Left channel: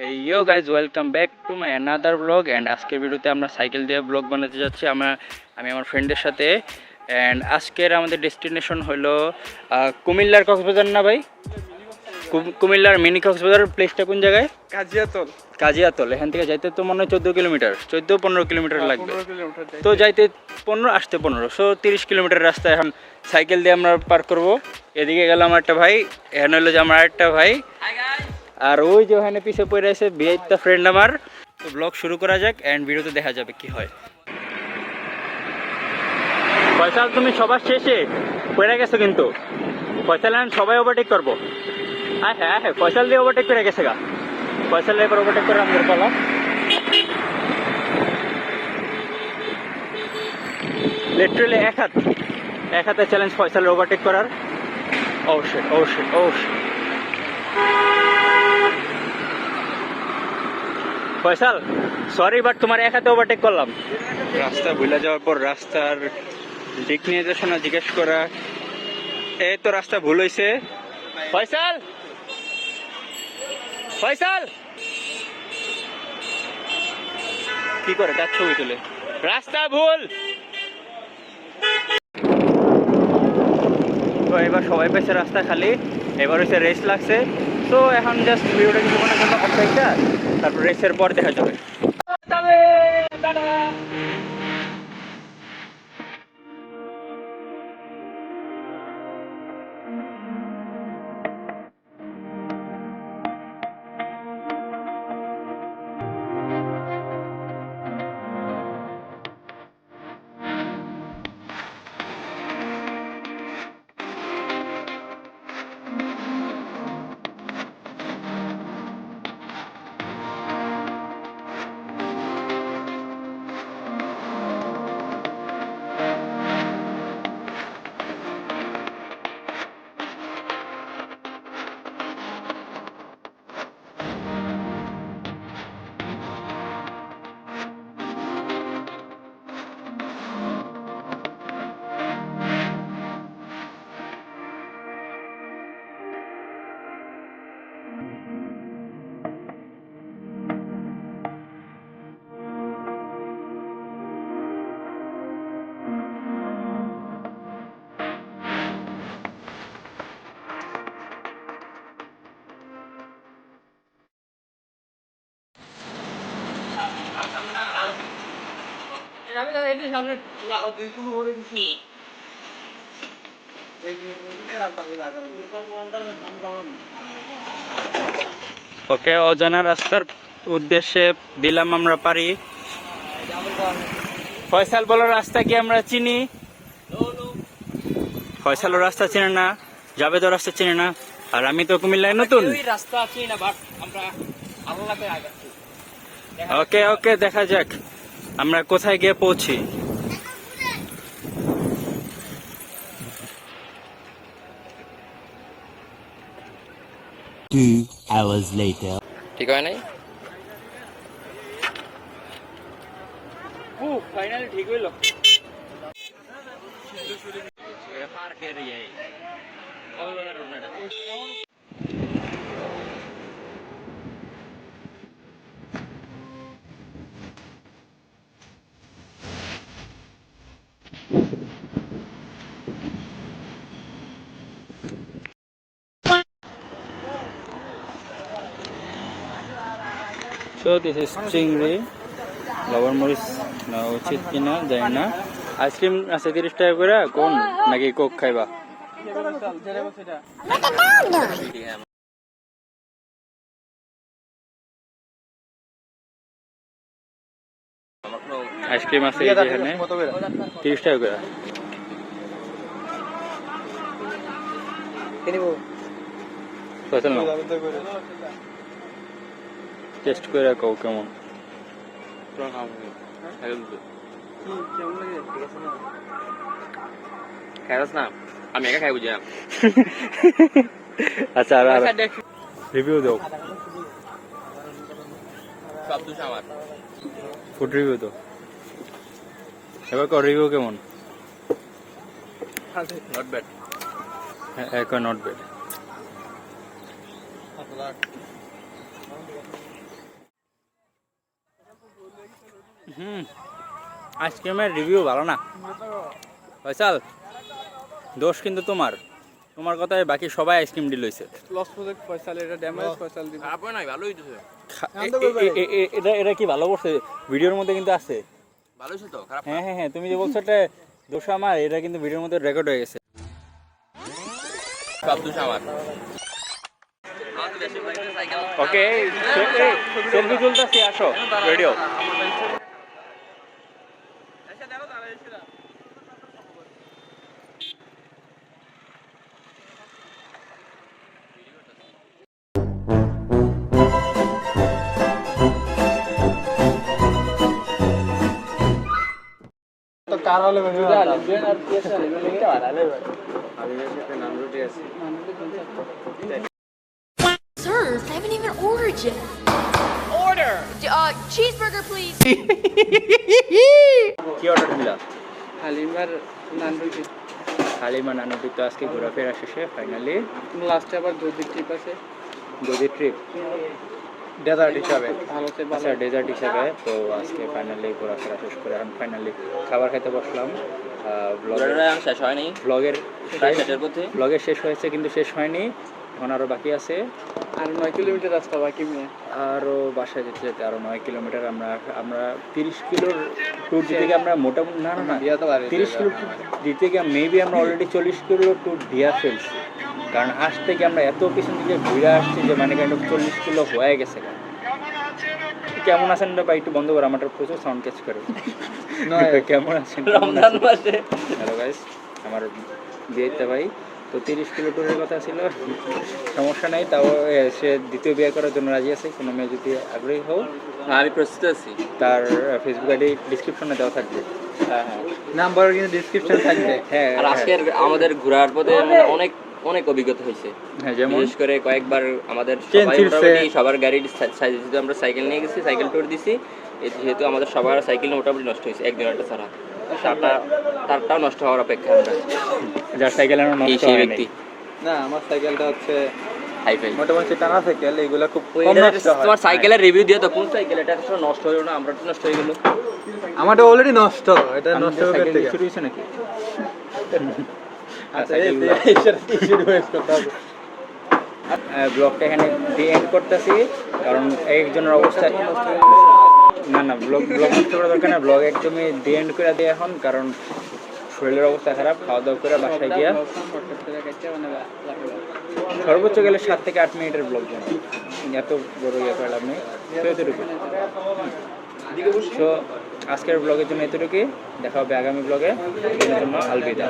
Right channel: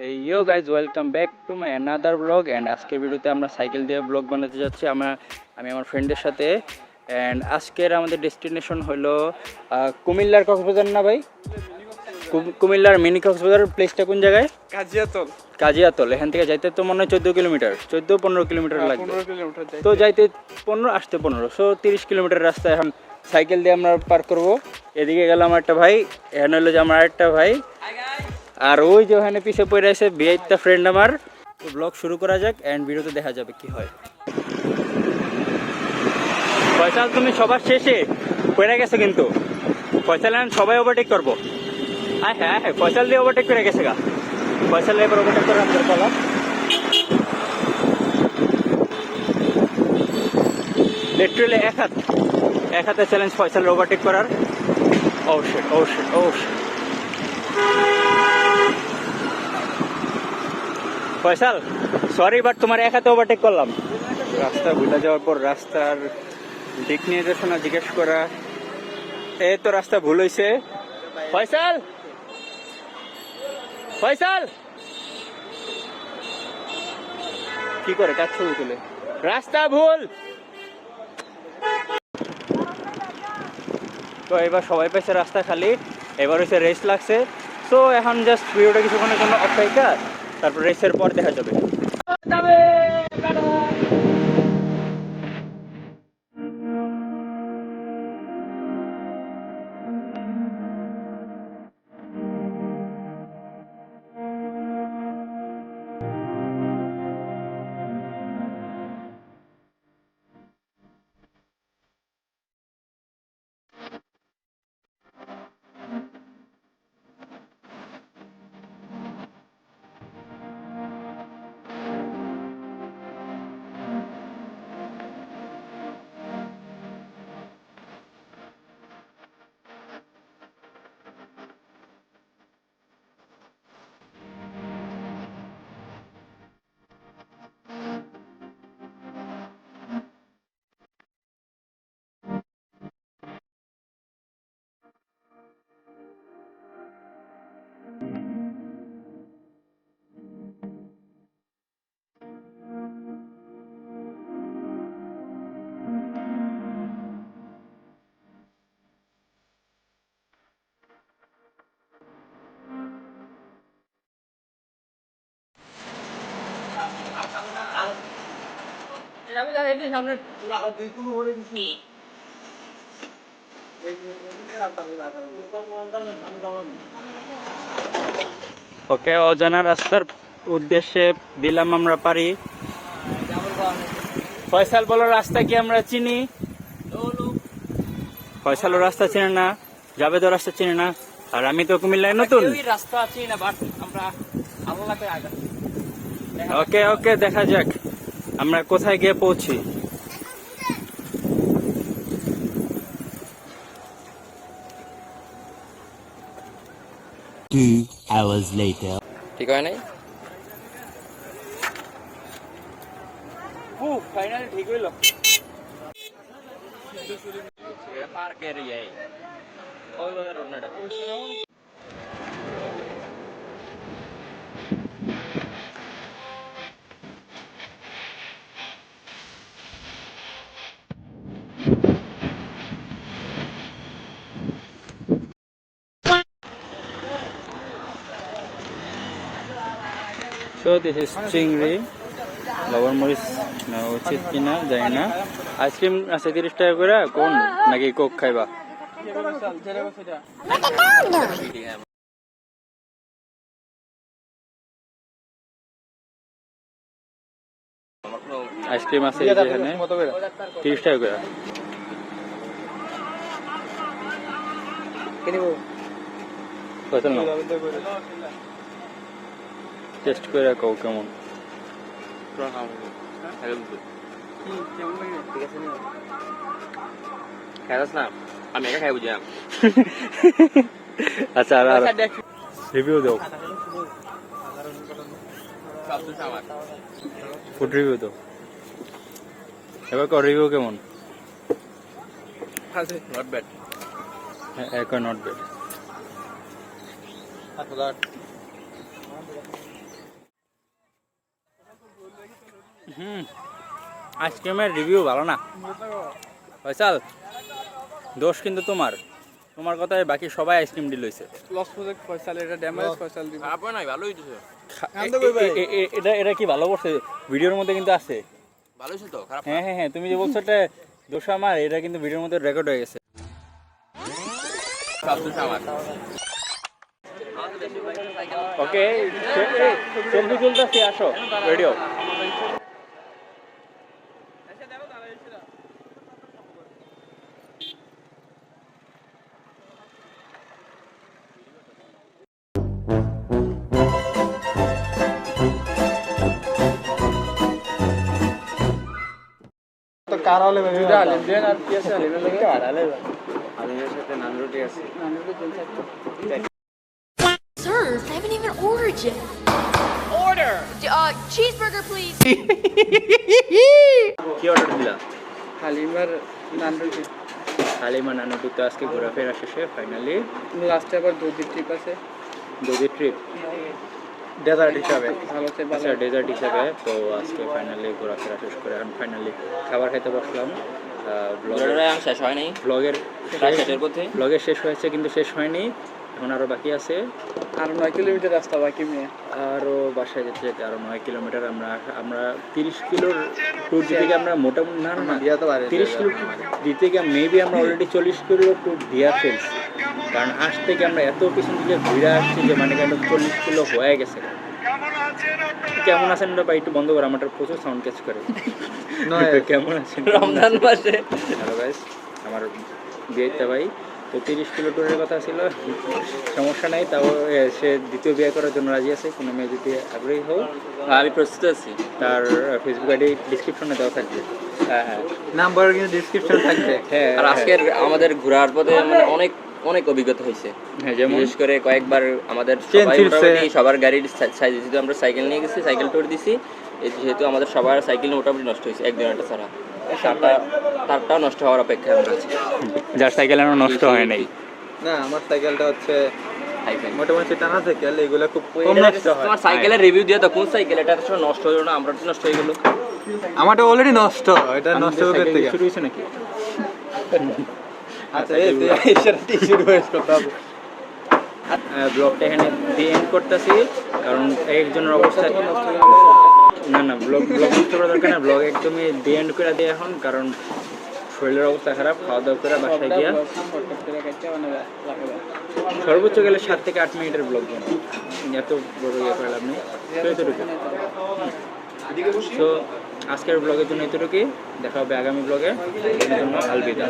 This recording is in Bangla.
Yo guys welcome back to my another blog and আজকের ভিডিওতে আমরা সাইকেল দিয়ে ব্লগ বানাতে যাচ্ছি আমরা আমি আমার ফ্রেন্ডের সাথে অ্যান্ড আজকের আমাদের ডেস্টিনেশন হলো কুমিল্লার কক্সবাজার না ভাই? কুম- কুমিল্লার মিনি কক্সবাজার প্লেসটা কোন জায়গায়? কাজিয়াতল। কাজিয়াতল এখান থেকে যাইতে তো মনে হয় চোদ্দ কিলোমিটার চোদ্দ পনেরো কিলোমিটার লাগবে। কিলোমিটার যাই। তো যাইতে পনেরো আসতে পনেরো সো তিরিশ কিলোমিটার রাস্তা এখন সাইকেল দিয়ে আমরা পার করব। এদিকে গেলাম একটা ভাই এখানে হলো যে আমার একটা ভাই। আর ওই যে ওখানে পিছিয়ে পড়ে আছে বিয়েটা ফ্রেন্ড আমার। তো ব্লগ শুরু করা যাক অ্যান্ড ভিডিওতে দেখা যাবে কি হয়। ফয়সাল, তুমি সবার শেষে পড়ে গেছো কিন্তু। ফয়সাল সবাই ওভারটেক করব। হ্যাঁ হ্যাঁ হ্যাঁ ফয়সাল দিয়ে ওভারটেক করে গেছে গা। ফয়সাল এবার ওভারটেক করে আমাদের বলা লিটারালি এক হাত। এক হাতে চ্যালেঞ্জ ফয়সালের ওভারটেক করার। অবশ্যই অবশ্যই ও ফয়সাল সরি বাট তোমার এক হাতে ওভারটেক করলাম। রাস্তা ভুলে যাওয়ার পর রাস্তার দিক নির্দেশনা জিজ্ঞেস করা এই তো রাস্তা ভুল হয়েছে ফয়সাল! ফয়সাল! কি করে? তার ছবি তুলে? রাস্তা ভুল! তো এবার সবাই পেয়েছে রাস্তা খালি এবার হচ্ছে রেস্ট লাগছে। তো এখন জাস্ট ভিডিওটা কিছুক্ষণের জন্য অপেক্ষা। তারপর রেসের পর দেখা যাবে। ওকে অজানা রাস্তার উদ্দেশ্যে দিলাম আমরা পারি। ফয়সাল বলো রাস্তা কি আমরা চিনি? ফয়সালও রাস্তা চেনে না জাবেদও রাস্তা চেনে না আর আমি তো কুমিল্লায় নতুন। রাস্তা আছে না বাট আমরা আল্লাহকে আগে ওকে ওকে দেখা যাক। আমরা কোথায় গিয়ে পৌঁছি? Two hours later. ঠিক হয় নাই? ফাইনালি ঠিক হইল। So this is চিংড়ি লবণ মরিচ নেওয়া উচিত কিনা জানি না আইসক্রিম আছে তিরিশ টাকা করে কোন নাকি কোক খাইবা আইসক্রিম আছে এখানে তিরিশ টাকা করে কত নাও টেস্ট করে কও কেমন? আমি একা খাই বুঝলাম আচ্ছা আর আর রিভিউ দাও। ফুড রিভিউ দাও। এবার কর রিভিউ কেমন? নট ব্যাড হ্যাঁ নট ব্যাড হুম আইসক্রিমের রিভিউ ভালো না। ফয়সাল দোষ কিন্তু তোমার। তোমার কথায় বাকি সবাই আইসক্রিম ডিল হয়েছে লস প্রজেক্ট ফয়সাল এটা ড্যামেজ ফয়সাল দিবে। খারাপ নাই ভালোই দিছে এটা এটা কি ভালো করছে? ভিডিওর মধ্যে কিন্তু আছে। ভালো হয়েছে তো খারাপ হ্যাঁ হ্যাঁ হ্যাঁ তুমি যে বলছো এটা দোষ আমার এটা কিন্তু ভিডিওর মধ্যে রেকর্ড হয়ে গেছে। সব দোষ আমার। ওকে সেলফি তুলতেছি আসো রেডিও তো কার হলে ভেবে দেন আর কি আছে আলিমের লেগে আলালে Served. I haven't even ordered yet. Order. Uh, cheeseburger, please. কি অর্ডার দিলা? হালিমার নান রুটি হালিমা নানুটি তো আজকে ঘোরাফেরা শেষে ফাইনালি লাস্টে আবার দুধের ট্রিপ আছে। যদি ট্রিপ ডেজার্ট হিসাবে? আচ্ছা ডেজার্ট হিসাবে তো আজকে ফাইনালি ঘোরাফেরা শেষ করে এখন ফাইনালি খাবার খেতে বসলাম। ব্লগের শেষ হয় নাই ব্লগের ব্লগের শেষ হয়েছে কিন্তু শেষ হয়নি। এখন আরও বাকি আছে। আর নয় কিলোমিটার রাস্তা বাকি আরও বাসায় যেতে যেতে আরও নয় কিলোমিটার আমরা আমরা তিরিশ কিলোর ট্যুর দিতে গিয়ে আমরা মোটামুটি না না না তিরিশ কিলো দিতে গিয়ে মেবি আমরা অলরেডি চল্লিশ কিলো ট্যুর দিয়া ফেলছি। কারণ আজ থেকে আমরা এত পিছন দিকে ঘুরে আসছি যে মানে কাইন্ড চল্লিশ কিলো হয়ে গেছে। কেমন আছেন ভাই? একটু বন্ধ করে আমার প্রচুর সাউন্ড ক্যাচ করে। নয়। কেমন আছেন? রমজান মাসে। হ্যালো গাইস আমার বিয়েতে ভাই। তো তিরিশ কিলো ট্যুরের কথা ছিল সমস্যা নাই তাও সে দ্বিতীয় বিয়ে করার জন্য রাজি আছে কোনো মেয়ে যদি আগ্রহী হোক আমি প্রস্তুত আছি? তার ফেসবুক আইডি ডিসক্রিপশনে দেওয়া থাকবে। হ্যাঁ হ্যাঁ। নাম্বার কিন্তু ডিসক্রিপশন থাকবে। হ্যাঁ আর আজকে আমাদের ঘোরার পথে মানে অনেক অনেক অভিজ্ঞতা হয়েছে। হ্যাঁ যেমন? বিশেষ করে কয়েকবার আমাদের সবাই সবার গাড়ির সাইজ যেহেতু আমরা সাইকেল নিয়ে গেছি সাইকেল ট্যুর দিছি এই যেহেতু আমাদের সবার সাইকেল মোটামুটি নষ্ট হয়েছে এক দিনটা ছাড়া। তারটা তারটাও নষ্ট হওয়ার অপেক্ষা আমরা আছি। যার সাইকেল এখনও নষ্ট হয় নাই না আমার সাইকেলটা হচ্ছে মোটামুটি টানা সাইকেল এগুলো খুব কম নষ্ট হয়। তোমার সাইকেলের রিভিউ দিয়ে তো কোন সাইকেল? এটা আসলে নষ্ট হলো না আমরা নষ্ট হয়ে গেল। আমারটা অলরেডি নষ্ট এটা নষ্ট হয়ে থেকে শুরু হয়েছে নাকি? আচ্ছা এই ব্লগটা এখানে দিয়ে এন্ড করতেছি কারণ একজনের অবস্থা না না ব্লগ ব্লগ নষ্ট করা দরকার না ব্লগ একদমই দিয়ে এন্ড করে দিয়ে এখন কারণ শরীরের অবস্থা খারাপ, খাওয়া দাওয়া করে বাসায় গিয়া সর্বোচ্চ গেলে সাত থেকে আট মিনিটের ব্লগ বানাবো এত বড় ইয়ে লাভ নেই। তো এতটুকু। তো আজকের ব্লগের জন্য এতটুকুই। দেখা হবে আগামী ব্লগে জন্য আলবিদা।